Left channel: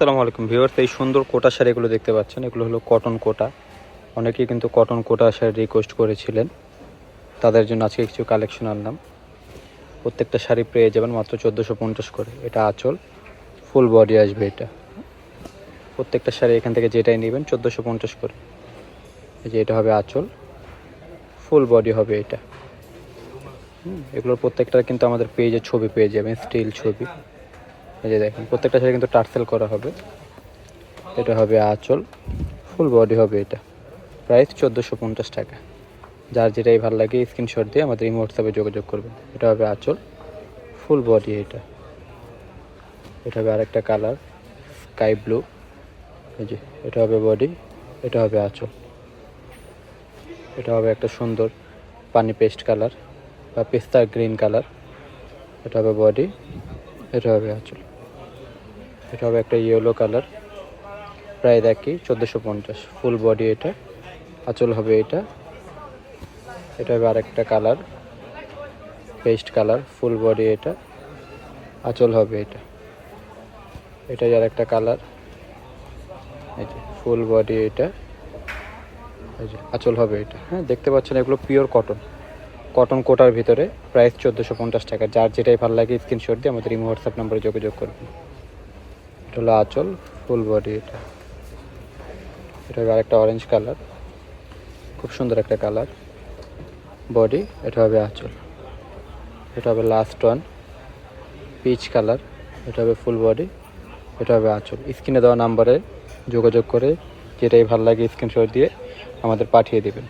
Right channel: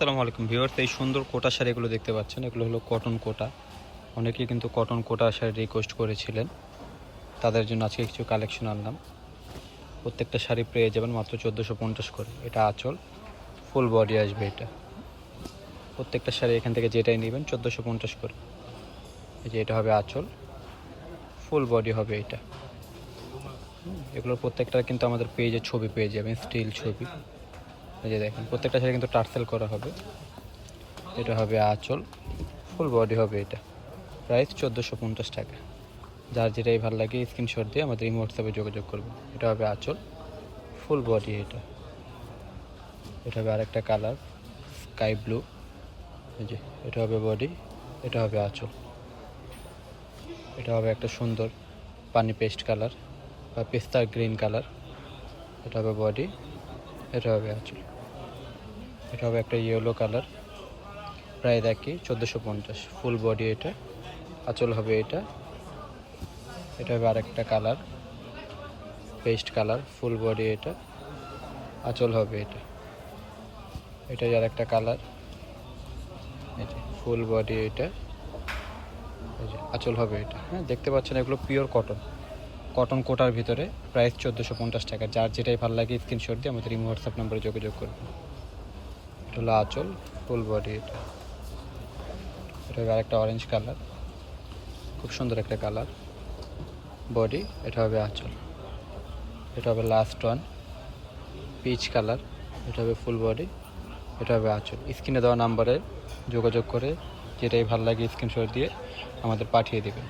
আসসালামু আলাইকুম ভিউয়ার্স, এই সুন্দর কোটা শাড়িগুলো দেখতে পাচ্ছেন। এগুলো হলো কটন কোটা। অনেকেই কিন্তু কটন কোটা শাড়ি রিকোয়েস্ট করেছিলেন। তাদের জন্য আজকে কিছু কালেকশন আনলাম। প্রত্যেকটা শাড়ি পেয়ে যাবেন মাত্র চোদ্দোশো পঞ্চাশ করে। এটা আঁচল ফুল বডি আসবে এটা। প্রত্যেকটা শাড়ি এখান থেকে যেটাই নেবেন চোদ্দোশো পঞ্চাশ করে। যে এটা হবে আঁচল ফুল বডি হবে এটা। এগুলোর প্রত্যেকটা কিন্তু আমাদের পেজে ছবি পেয়ে যাবেন স্টিল ছবি। এই যে দেখেন, প্রত্যেকটা শাড়ি কিন্তু টার্সেল করা হবে। এটা হবে আঁচল ফুল বডি হবে এটা। প্রাইস চোদ্দোশো পঞ্চাশ টাকা। যার যেটাই ভালো লাগে স্ক্রিনশট দিয়ে আমাদের এই হোয়াটসঅ্যাপে যোগাযোগ করবেন। এটা হবে আঁচল ফুল বডি এটা। এটা হবে আরেকটা কালার স্কাই ব্লু এই যে, এটা হবে বডি এটা হবে আঁচল। এটা হবে একটা সুন্দর পানি পেস্ট কালার বা পেস্তা গ্রিন কালার এটা হবে বডি এটা হবে আঁচল এটা হবে একটা ইয়েলো কালার প্রায় দেখি চোদ্দোশো পঞ্চাশ। ফুল বডি এটা। আঁচল হবে এটা। এটা হবে আরেকটা colour paste colour full body এটা। আঁচল হবে এটা। এটাই আর একটা কালার ফুল বডি এটা। আঁচল হবে এটা। হ্যাঁ দেখতে পাচ্ছেন এগুলো পিওর কটন কটন কোটার ভিতরে প্রাইস চোদ্দোশো পঞ্চাশ টাকা। যার যেটাই ভালো লাগে স্ক্রিনশট দিয়ে আমাদের ইমো হোয়াটসঅ্যাপ নম্বরে যোগাযোগ করবেন। এটা হলো আঁচল ফুল বডি এটা। এটা হবে আরেকটা অরেঞ্জ কালার খুব সুন্দর একটা কালার বডি এটা হবে আঁচল। এটা হবে লাস্ট ওয়ান পিচ কালার এটা হবে ফুল বডি এটা হবে আঁচল। স্ক্রিনে দেওয়া নাম্বারে যোগাযোগ করে যেটাই ভালো লাগে স্ক্রিনশট দিয়ে আমাদের পাঠিয়ে দেবেন।